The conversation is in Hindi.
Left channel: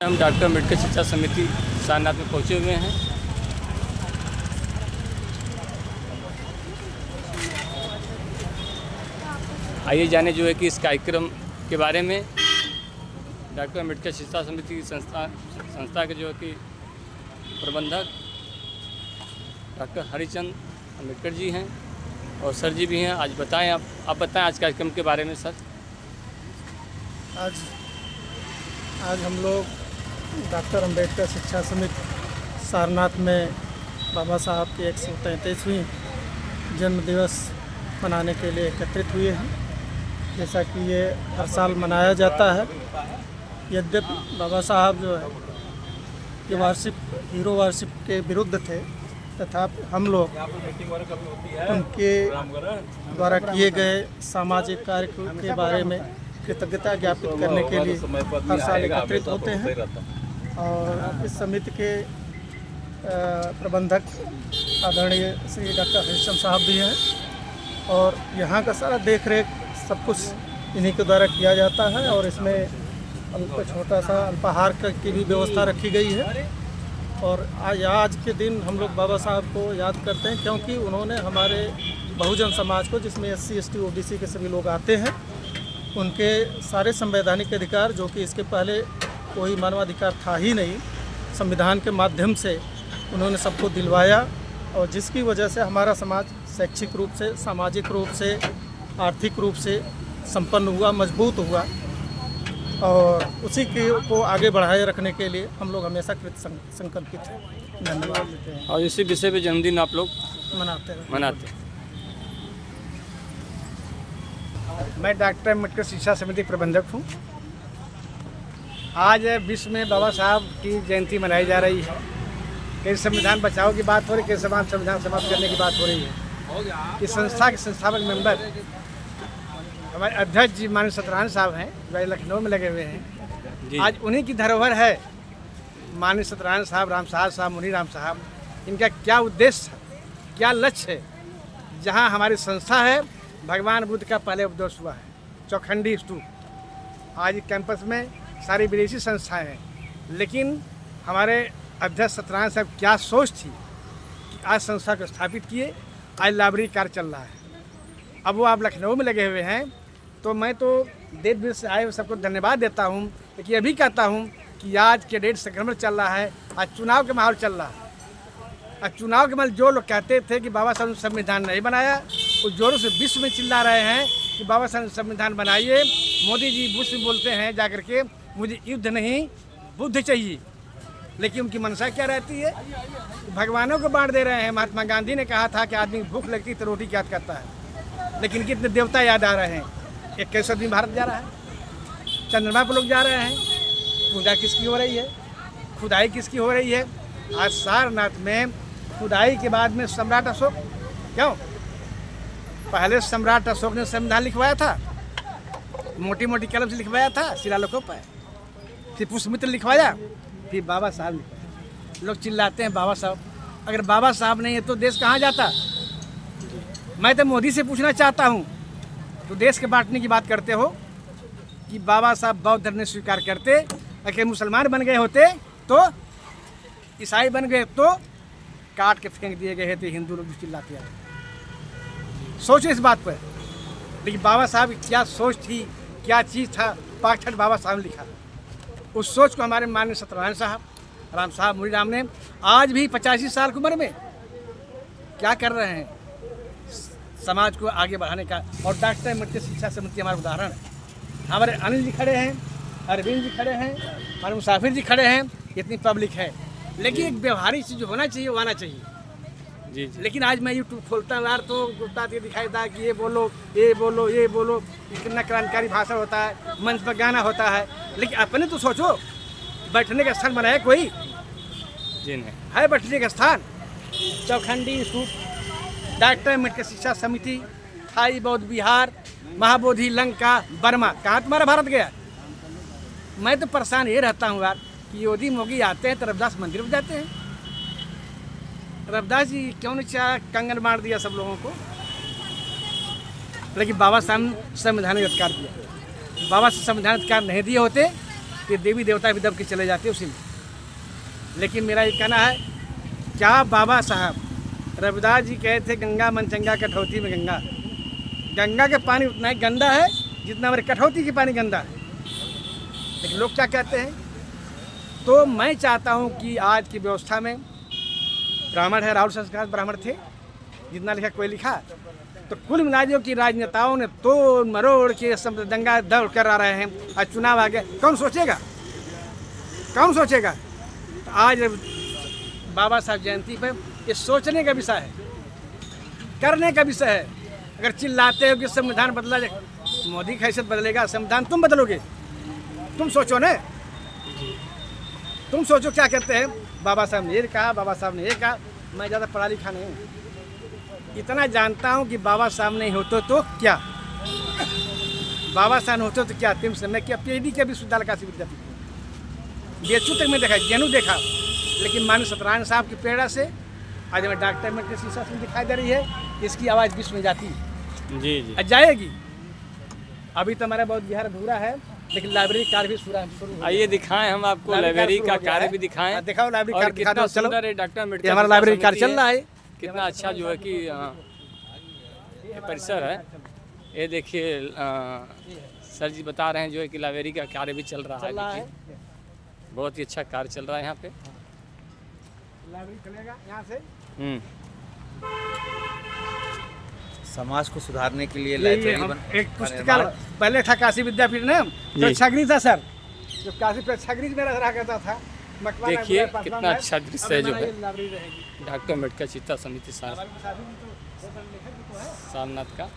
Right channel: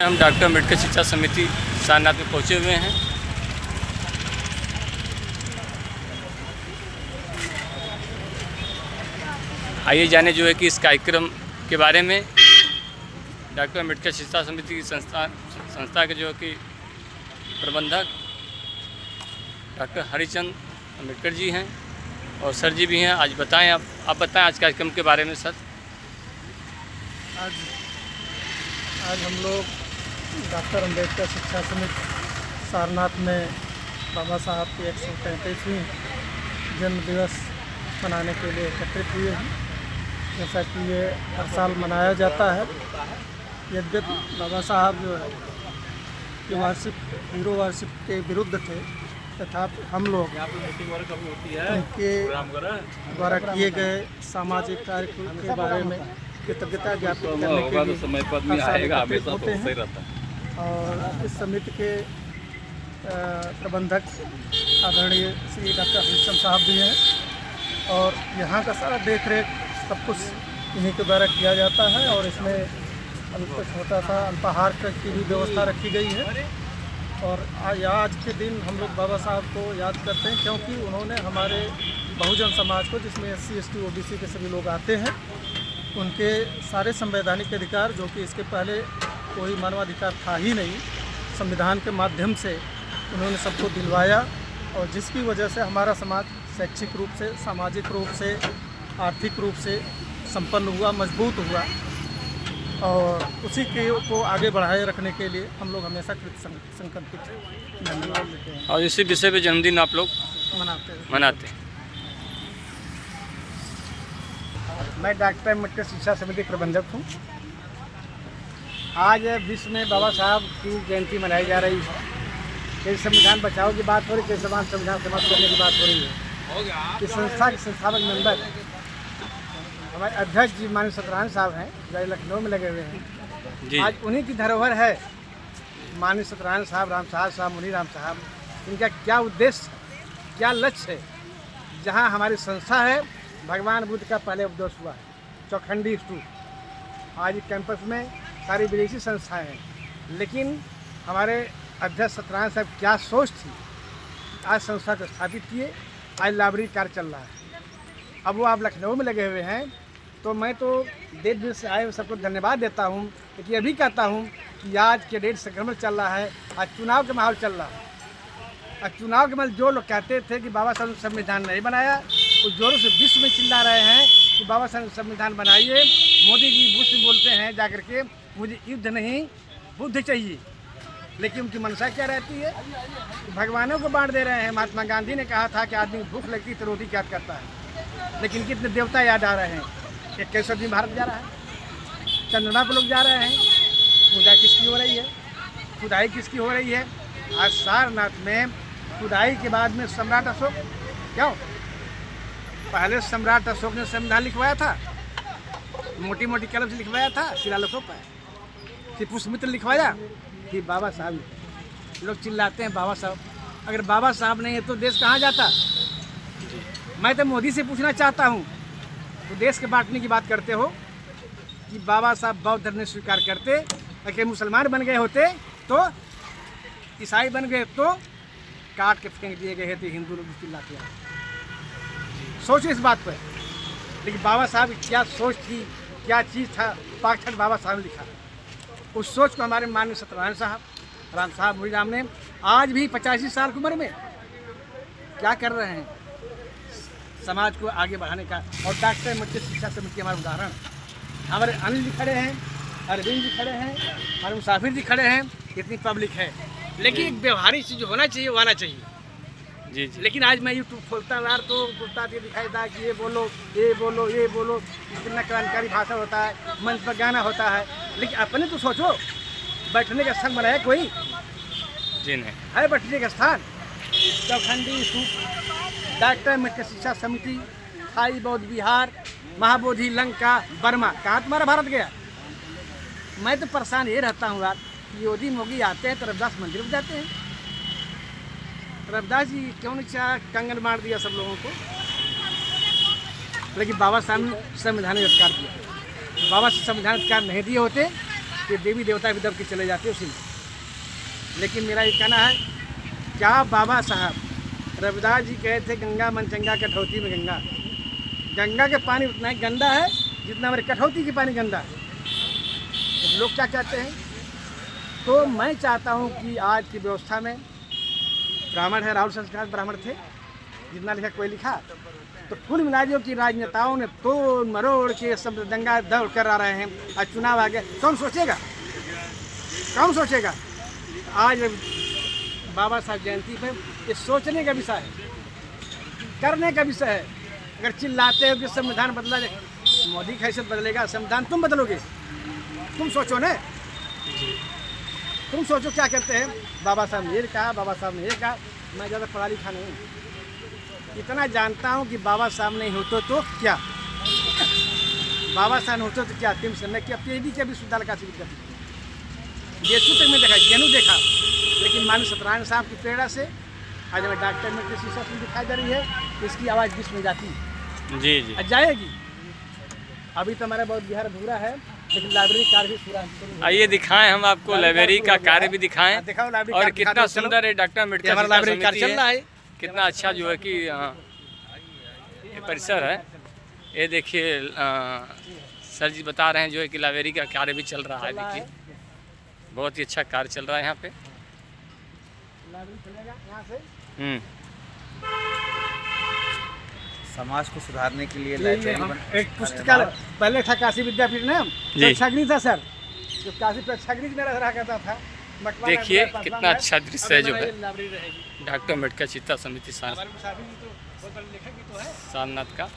हम डॉक्टर अम्बेडकर शिक्षा समिति सारनाथ में पहुंचे हुए हैं। आइए जाने जो है कि इस कार्यक्रम के बारे में। डॉक्टर अम्बेडकर शिक्षा समिति की संस्था के जो है कि प्रबंधक डॉक्टर हरिचंद अम्बेडकर जी हैं और सर जी भी हैं। आज बताएं, आप बताएं आज कार्यक्रम के बारे में सर। आज हम लोग डॉक्टर अम्बेडकर शिक्षा समिति सारनाथ में बाबा साहब की 133वीं जन्म दिवस मनाने के लिए एकत्रित हुए हैं। जैसा कि ये हर साल मनाया जाता है, यद्यपि बाबा साहब जो है ये हीरो वारशिप के विरुद्ध थे, तथापि हम लोग उनके द्वारा किए गए सामाजिक कार्य के बारे में कृतज्ञता ज्ञापित करने के लिए हर साल एकत्रित होते हैं। और इस समिति के प्रबंधक आदरणीय श्री डॉक्टर हरिचंद साहब भी हैं और यहाँ का सारा देख रेख सब कुछ इन्हीं के द्वारा किया जाता है। और इसमें छोटा सा अल्पाहार की भी व्यवस्था रखी गई है। और आज के दिन हम लोग बाबा साहब को याद करते हैं, क्योंकि उन्होंने हमारे बहुजन समाज को, जिसमें SC ST OBC के सभी लोग आते हैं, उनके सारे संवैधानिक अधिकार, जो कि इसके पहले कोई मानवाधिकार था ही नहीं, संविधान के माध्यम से उन्होंने सबको दिलवाया। और जिसकी वजह से हमारा समाज शैक्षिक रूप से, सामाजिक रूप से, आर्थिक रूप से संपन्न हुआ, मजबूत हुआ। और उसी को आगे बढ़ाए रखने के लिए हम लोग हमेशा संकल्पित हैं। और इसी विषय पे जन्मदिन आप लोग मनाते हैं। मैं डॉक्टर अम्बेडकर शिक्षा समिति प्रबंधक हूँ। आज विश्व में बाबा साहब की जयंती मनाई जा रही है। कई संविधान बचाओ की बात हो रही है, कई संविधान समाप्त करने की बात हो रही है। इस संस्था के संस्थापक मेंबर हमारे अध्यक्ष जी माननीय सत्यनारायण साहब हैं, जो लखनऊ में लगे हुए हैं। आज उन्हीं की धरोहर है। माननीय सत्यनारायण साहब, राम साहब, मुनि राम साहब, इनका क्या उद्देश्य, क्या लक्ष्य है। जहाँ हमारी संस्था है, भगवान बुद्ध का पहले उपदेश हुआ है, चौखंडी स्तूप। आज कैंपस में सारी विदेशी संस्थाएं हैं, लेकिन हमारे अध्यक्ष सत्यनारायण साहब क्या सोच थी, आज संस्था को स्थापित किए। आज लाइब्रेरी कार्य चल रहा है। अब वो आप लखनऊ में लगे हुए हैं, तो मैं तो देश विदेश से आए हुए सबको धन्यवाद देता हूँ। लेकिन ये भी कहता हूँ कि आज के डेट संक्रमण चल रहा है, आज चुनाव का माहौल चल रहा है। और चुनाव के माहौल जो लोग कहते थे कि बाबा साहब ने संविधान नहीं बनाया, उस जोरों से विश्व में चिल्ला रहे हैं कि बाबा साहब संविधान बनाइए। मोदी जी बुश में बोलते हैं जाकर के, मुझे युद्ध नहीं बुद्ध चाहिए। लेकिन उनकी मनसा क्या रहती है, भगवानों को बांट दे रहे हैं। महात्मा गांधी ने कहा था कि आदमी भूख लगती तो रोटी याद करता है, लेकिन कितने देवता याद आ रहे हैं। 21 दिन भारत जा रहा है, चंद्रमा पर लोग जा रहे हैं। पूजा किसकी हो रही है, खुदाई किसकी हो रही है। आज सारनाथ में खुदाई के बाद में सम्राट अशोक, क्यों पहले सम्राट अशोक ने संविधान लिखवाया था, मोटी मोटी कलम से लिखवाया था शिलालेखों पर, फिर पुष्पमित्र लिखवाया, फिर बाबा साहब। लोग चिल्लाते हैं बाबा साहब, अगर बाबा साहब नहीं है तो देश कहाँ जाता। मैं तो मोदी से पूछना चाहता हूँ, तो देश के बांटने की बात करते हो कि बाबा साहब बौद्ध धर्म ने स्वीकार करते, अगर मुसलमान बन गए होते तो, ईसाई बन गए तो काट के फेंक दिए गए तो हिंदू लोग चिल्लाते हैं। सोचो इस बात पर। लेकिन बाबा साहब की क्या सोच थी, क्या चीज़ था, पाठक बाबा साहब ने लिखा। उस सोच को हमारे माननीय सत्यनारायण साहब, राम साहब, मुनि राम ने आज भी 85 साल की उम्र में क्या कर रहे हैं समाज को आगे बढ़ाने का। और डॉक्टर अम्बेडकर शिक्षा समिति हमारा उदाहरण। हमारे अनिल जी खड़े हैं, अरविंद जी खड़े हैं, हमारे मुसाफिर जी खड़े हैं, इतनी पब्लिक है। लेकिन एक व्यवहारिक चीज़ होना चाहिए, वो आना चाहिए। जी। लेकिन आज मैं यूट्यूब खोलता यार तो गुप्ता ये दिखाई था कि ये बोलो, ये बोलो, ये बोलो, कितना क्रांतिकारी भाषा होता है, मंच पर गाना होता है। लेकिन अपने तो सोचो, बैठने का स्थान बनाया कोई जी नहीं है। बैठने का स्थान चौखंडी स्तूप, डॉक्टर अम्बेडकर शिक्षा समिति, थाई बौद्ध विहार, महाबोधि, लंका, बर्मा, कहाँ तुम्हारा भारत गया। मैं तो परेशान ये रहता हूँ यार, योगी मोगी आते हैं तो रविदास मंदिर में जाते हैं। रविदास जी क्यों ने कंगन मार दिया सब लोगों को। लेकिन बाबा साहब ने संविधान का अधिकार दिया। बाबा साहब संविधान अधिकार नहीं दिए होते कि देवी देवता भी दब के चले जाते उसी में। लेकिन मेरा ये कहना है, क्या बाबा साहब रविदास जी कहे थे गंगा मन चंगा कठौती में गंगा। गंगा के पानी उतना ही गंदा है जितना हमारे कठौती के पानी गंदा है। तो लोग क्या कहते हैं? तो मैं चाहता हूँ कि आज की व्यवस्था में ब्राह्मण है, राहुल संस्कार ब्राह्मण थे, जितना लिखा कोई लिखा, तो कुल मिलाकर की राजनेताओं ने तोड़ मरोड़ के सब दंगा दौड़ कर आ रहे हैं। आज चुनाव आ गया, कौन सोचेगा? कौन सोचेगा? आज बाबा साहब जयंती पर ये सोचने का विषय है, करने का विषय है। अगर चिल्लाते हो कि संविधान बदला जाए, मोदी की हैसियत बदलेगा, संविधान तुम बदलोगे? तुम सोचो ने, तुम सोचो क्या कहते हैं। बाबा साहब ने ये कहा, बाबा साहब ने ये कहा। मैं ज़्यादा पढ़ा लिखा नहीं हूँ, इतना जानता हूँ कि बाबा साहब नहीं होते तो क्या, बाबा साहब होते तो क्या। तुम समय क्या PhD के विश्वविद्यालय का विद्यार्थी BHU तक में देखा, JNU देखा, लेकिन माननीय सत्यनारायण साहब की प्रेरणा से आज हमें डॉक्टर में किसी शीशा में दिखाई दे रही है, इसकी आवाज़ विश्व में जाती है। जी जाएगी। अभी तो हमारा बहुत बिहार अधूरा है, लेकिन लाइब्रेरी कार्य भी शुरू। आइए दिखाएं हम आपको लाइब्रेरी का कार्य भी दिखाएं। दिखाओ लाइब्रेरी और कितना सुंदर है डॉक्टर अम्बेडकर हमारा लाइब्रेरी कार्य चल रहा है। कितना अच्छा जो है कि ये परिसर है। ये देखिए सर जी बता रहे हैं जो है कि लाइब्रेरी का कार्य भी चल रहा है। देखिए बहुत ही अच्छा कार्य चल रहा है यहाँ पे। लाइब्रेरी चलेगा यहाँ से। समाज को सुधारने के लिए लाइब्रेरी एक पुस्तकालय पहले था काशी विद्यापीठ ना, प्रेक्षागृह था सर, जो काशी प्रेक्षागृह में रहा करता था। देखिए कितना अच्छा दृश्य है जो है डॉक्टर अम्बेडकर चिंता समिति सारनाथ का।